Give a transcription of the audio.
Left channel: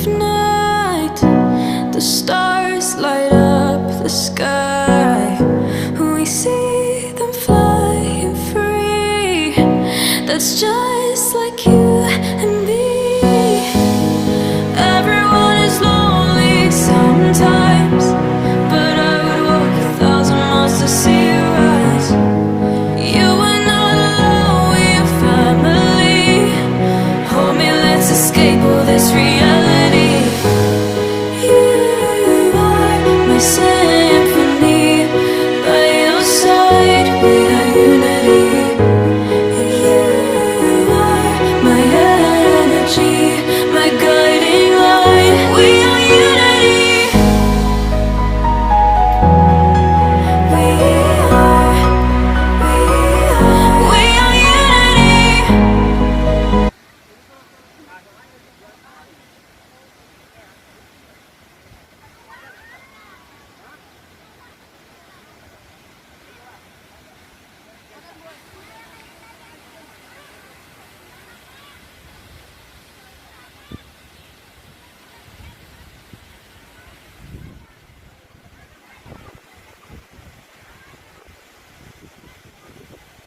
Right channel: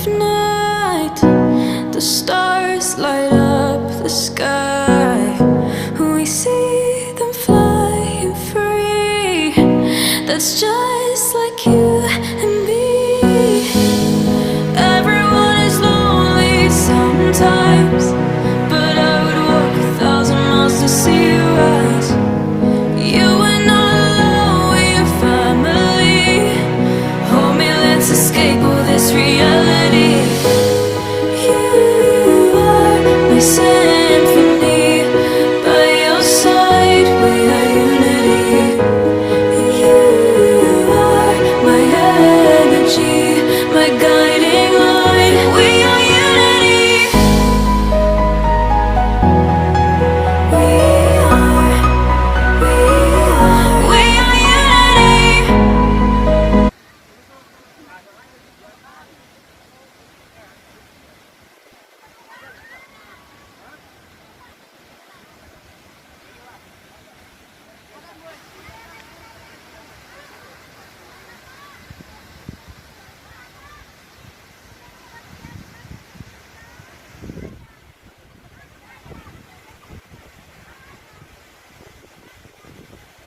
of night, the stars light up the sky. We see them flying free. That's just like you and me. Everyone is lonely sometimes, but I would walk 1,000 miles to see you rise. You are not alone, we're family. Hold me, let's escape all this reality.